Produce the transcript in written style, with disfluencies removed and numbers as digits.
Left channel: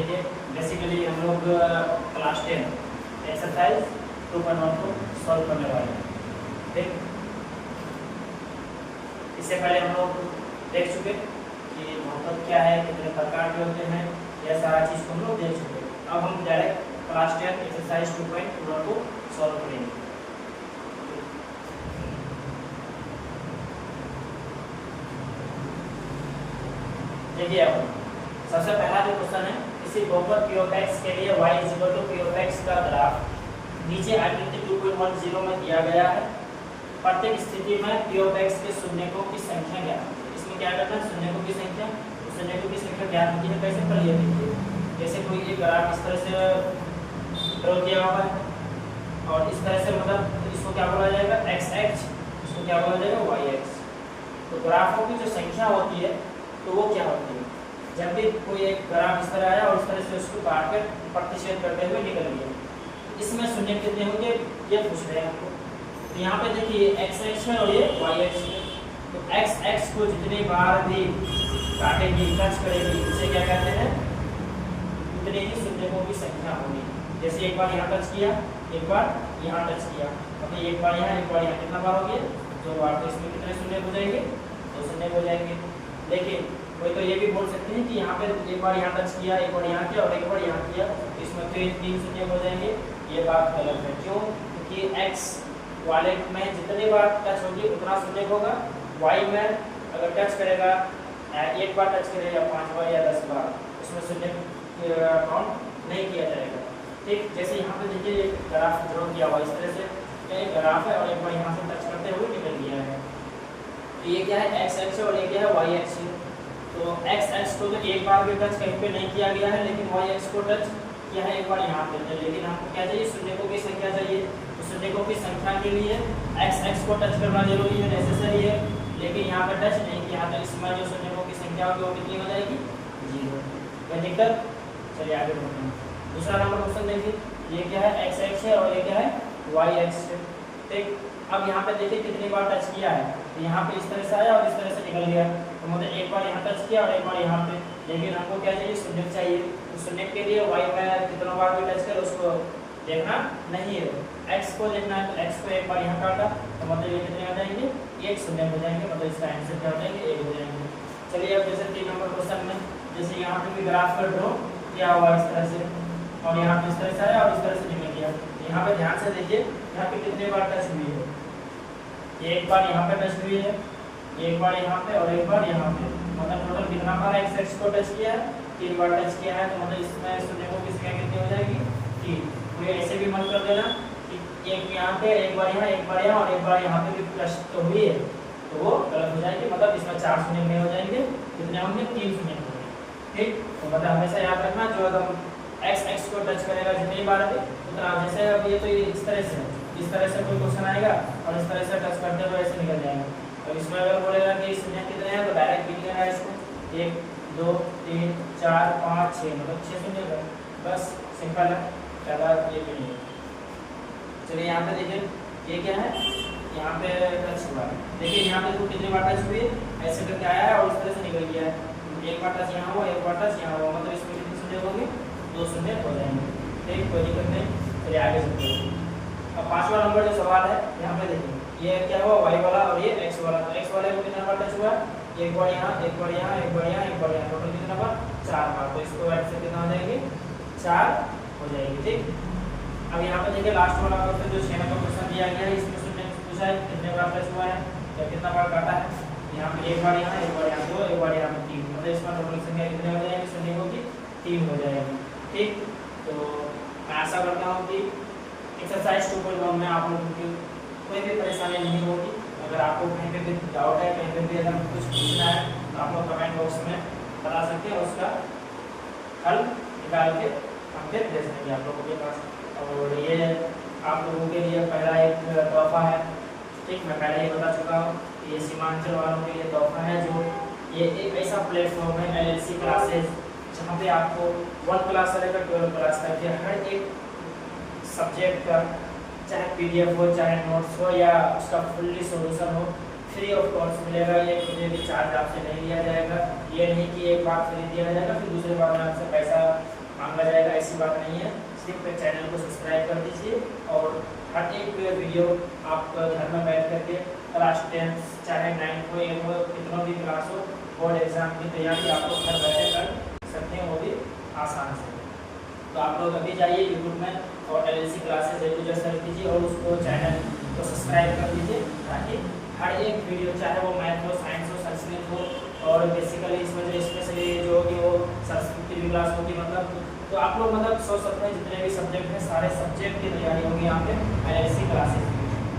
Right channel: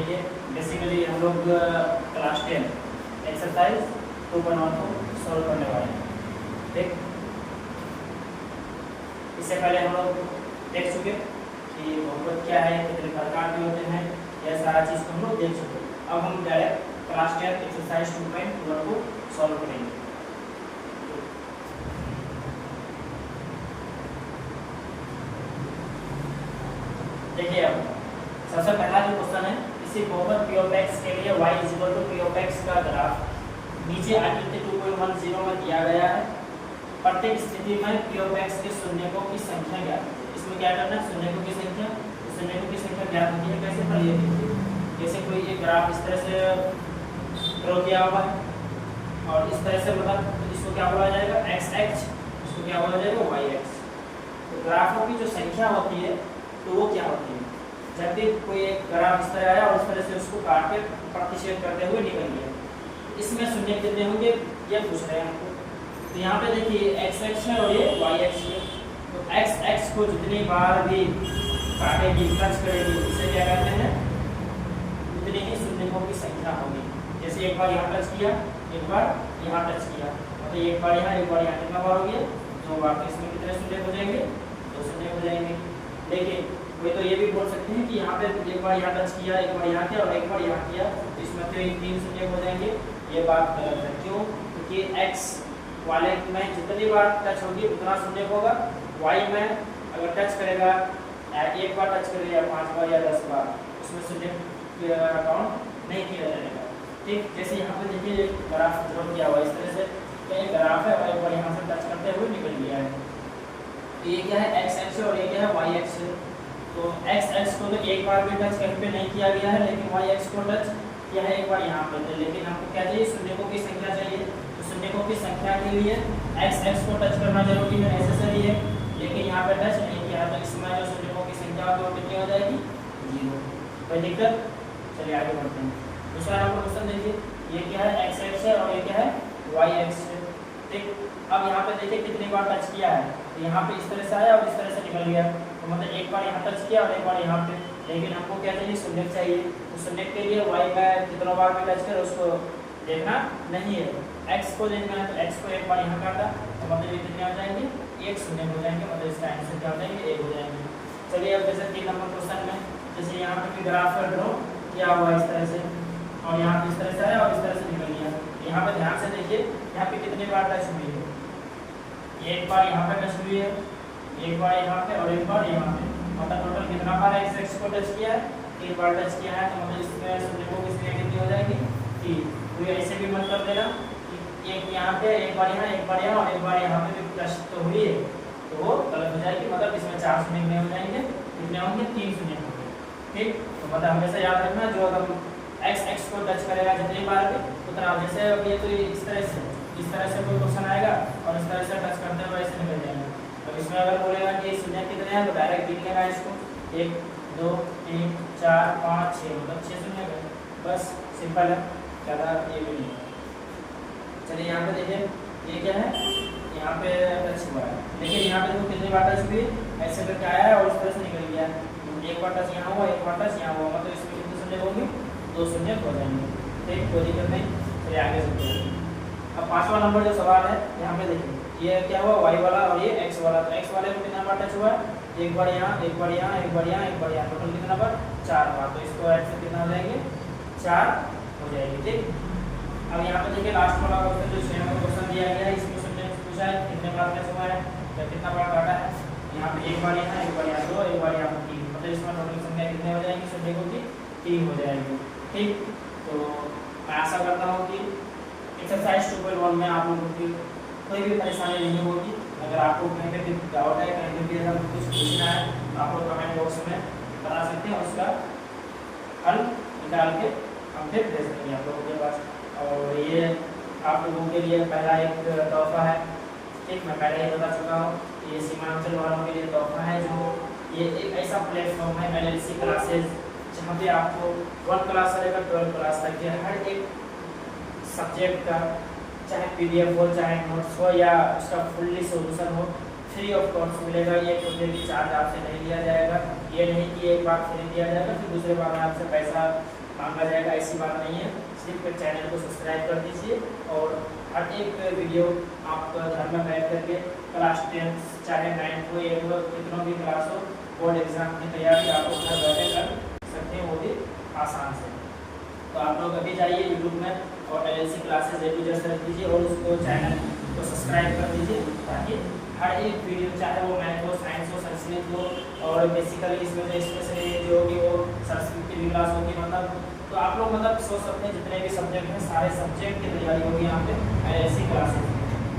देखिए बेसिकली हम लोग क्लास 10 एक्सरसाइज 2.1 को सॉल्व करने वाले हैं। ठीक, इससे पहले हम लोग देख चुके कि बहुपद क्या है, कितने प्रकार के होते हैं, यह सारा चीज़ को हम लोग देख चुके। अब हम डायरेक्ट क्लास 10 एक्सरसाइज 2.1 को सॉल्व करेंगे। देखिए अब सबसे पहला जो क्वेश्चन है, किसी बहुपद p of x के लिए y p of x का ग्राफ नीचे आकृति 2.10 में दिया गया है। प्रत्येक स्थिति में p of x के शून्यकों की संख्या ज्ञात होती है। इसमें क्या करना है, शून्यकों की संख्या, तो शून्यकों की संख्या ज्ञात होती है कैसे, पर ये देखिए जैसे कोई ये ग्राफ इस तरह से ड्रॉ किया हुआ है और इस तरह से मतलब इसको क्या बोला जाएगा, x x, इसको क्या बोला जाएगा, y x। तो ग्राफों की जो संख्या होती है तो वो क्या होती है, जब भी कोई एक ग्राफ इस तरह आया और इस तरह से उसको काट के प्रतिच्छेद करते हुए निकल गया, इसमें शून्य कितने होंगे ये पूछ रहे हैं हमको। तो यहाँ पे देखिए x x है और ये y x है, तो x x को जितनी बार भी काटेगी, टच करेगी, उसे क्या कहते हैं, उतनी ही शून्यकों की संख्या होगी। जैसे एक बार यहाँ टच किया, एक बार यहाँ टच किया, मतलब एक बार यहाँ, एक बार यहाँ, कितना बार हो गया, तो आप इसमें कितने शून्य हो जाएंगे, तो शून्य हो जाएंगे। लेकिन कोई तो ये भी बोल सकते हैं कि यहाँ पे एक बार यहाँ टच किया, एक बार यहाँ किया और एक बार यहाँ किया, तो इसमें तो 3 शून्य हो जाएंगे। ये बात गलत है। क्यों? क्योंकि x वाले में जितनी बार टच होगी उतना शून्य होगा, y में अगर टच करेगा, एक बार टच करेगा या 5 बार या 10 बार, उसमें शून्य काउंट नहीं किया जाएगा। ठीक, जैसे यहाँ पे देखिए ग्राफ ड्रॉ किया हुआ इस तरह से, तो एक ग्राफ है और एक बार यहाँ से टच करते हुए निकल गया है। तो ये क्या है, x x और ये क्या है, y x। तो x x को तो एक बार भी टच कहीं पे नहीं किया गया है, लेकिन y x को टच किया है एक बार यहाँ पे। लेकिन हमको क्या चाहिए, शून्यकों की संख्या चाहिए। तो शून्यकों की संख्या के लिए x x को टच करना जरूरी है, नेसेसरी है, लेकिन यहाँ पे टच नहीं किया, तो इसमें जो शून्यकों की संख्या होगी वो कितनी हो जाएगी, 0। कोई दिक्कत? चलिए आगे बढ़ते हैं। दूसरा नंबर क्वेश्चन देखिए, ये क्या है, x x है और ये क्या है, y x है। ठीक, अब यहाँ पे देखिए कितनी बार टच किया है, तो यहाँ पे इस तरह से आया और इस तरह से निकल गया, तो मतलब एक बार यहाँ टच किया और एक बार यहाँ पे। लेकिन हमको क्या चाहिए, शून्य चाहिए। तो शून्य के लिए y में कितना बार भी टच करे उसको देखना नहीं है, x को देखना है। तो x को एक बार यहाँ काटा, तो मतलब ये कितने आ जाएंगे, 1 शून्य हो जाएंगे, मतलब इसका आंसर क्या हो जाएंगे, 1 हो जाएंगे। चलिए अब जैसे 3 नंबर क्वेश्चन में, जैसे यहाँ पे भी ग्राफ का ड्रॉ किया हुआ इस तरह से, और यहाँ पे इस तरह से आया और इस तरह से निकल गया। यहाँ पे ध्यान से देखिए, यहाँ पे कितनी बार टच हुई है, एक बार यहाँ पे टच हुई है, एक बार यहाँ पे और एक बार यहाँ पे, मतलब टोटल कितना बार x x को टच किया है, 3 बार टच किया है। तो मतलब इसमें शून्यकों की संख्या कितनी हो जाएगी, 3। तो ये ऐसे भी मत कर देना कि एक यहाँ पे, एक बार यहाँ, एक बार यहाँ और एक बार यहाँ पे भी टच तो हुई है, तो वो गलत हो जाएगी। मतलब इसमें 4 शून्य नहीं हो जाएंगे, कितने होंगे, 3 शून्य होंगे। ठीक, तो मतलब हमेशा याद रखना, जो अगर x x को टच करेगा जितनी बार भी उतना, जैसे अब ये तो इस तरह से कोई क्वेश्चन आएगा और इस तरह से टच करते हुए ऐसे निकल जाएगा। तो इसमें अगर बोलेगा कि शून्य कितने हैं, तो डायरेक्ट गिन लेना इसको, 1 2 3 4 5 6, मतलब 6 शून्य है, बस सिंपल है, ज़्यादा ये भी नहीं है। चलिए यहाँ पे देखिए, ये क्या है, यहाँ पे टच हुआ है, देखिए यहाँ पे तो कितनी बार टच हुई, ऐसे करके आया है और इस तरह से निकल गया है। एक बार टच यहाँ हुआ, एक बार टच यहाँ हुआ, मतलब इसमें कितने शून्य होंगे, 2 शून्य हो जाएंगे। ठीक, कोई दिक्कत नहीं। चलिए आगे चलते हैं। अब 5वां नंबर जो सवाल है, यहाँ पे देखिए ये क्या हुआ, y वाला और ये x वाला। तो x वाले को कितना बार टच हुआ है, एक बार यहाँ, एक बार यहाँ, एक बार यहाँ, एक बार यहाँ, टोटल कितना बार, 4 बार। तो इसको ऐड से कितना हो जाएंगे, 4 हो जाएगी। ठीक, अब यहाँ पे देखिए लास्ट वाला क्वेश्चन जो 6 नंबर क्वेश्चन दिया गया है, इसमें शून्य पूछा है कितने बार टच हुआ है या कितना बार काटा है। यहाँ पे एक बार यहाँ, एक बार यहाँ 2, एक बार यहाँ 3, मतलब इसमें टोटल संख्या कितने हो जाएंगे, शून्यकों की 3 हो जाएगी। ठीक, तो आशा करता हूँ कि एक्सरसाइज 2.1 में आप लोगों की कोई भी परेशानी नहीं होगी। अगर आपको कहीं पे भी डाउट है, कहीं पे भी अगर कुछ पूछना है, तो आप लोग कमेंट बॉक्स में बता सकते हैं, उसका हल निकाल के हम फिर दे सकेंगे आप लोगों के पास। और ये आप लोगों के लिए पहला एक तोहफा है। ठीक, मैं पहले ही बता चुका हूँ, ये सीमांचल वालों के लिए तोहफा है, जो ये एक ऐसा प्लेटफॉर्म है LLC क्लासेज, जहाँ पे आपको 1 क्लास से लेकर 12 क्लास तक के हर एक सब्जेक्ट का, चाहे PDF हो, चाहे नोट्स हो या उसका फुल्ली सोल्यूशन हो, फ्री ऑफ कॉस्ट मिलेगा। ये कोई भी चार्ज आपसे नहीं लिया जाएगा। ये नहीं कि एक बार फ्री दिया जाएगा फिर दूसरे बार में आपसे पैसा मांगा जाएगा, ऐसी बात नहीं है। सिर्फ चैनल को सब्सक्राइब कर दीजिए और हर एक वीडियो आप घर में बैठ करके क्लास 10 चाहे 9 हो 8 हो कितनों भी क्लास हो, बोर्ड एग्जाम की तैयारी आप लोग घर बैठे कर सकते हैं, वो भी आसान से। तो आप लोग अभी जाइए यूट्यूब में और LLC classes A to Z search कीजिए और उसको चैनल को सब्सक्राइब कर दीजिए, ताकि हर एक वीडियो चाहे वो मैथ हो, साइंस हो, संस्कृत हो और बेसिकली इसमें जो स्पेशली जो होगी वो संस्कृत की भी क्लास होगी, मतलब तो आप लोग मतलब सोच सकते हैं जितने भी सब्जेक्ट हैं सारे सब्जेक्ट की तैयारी होगी यहाँ पे LLC क्लासेस।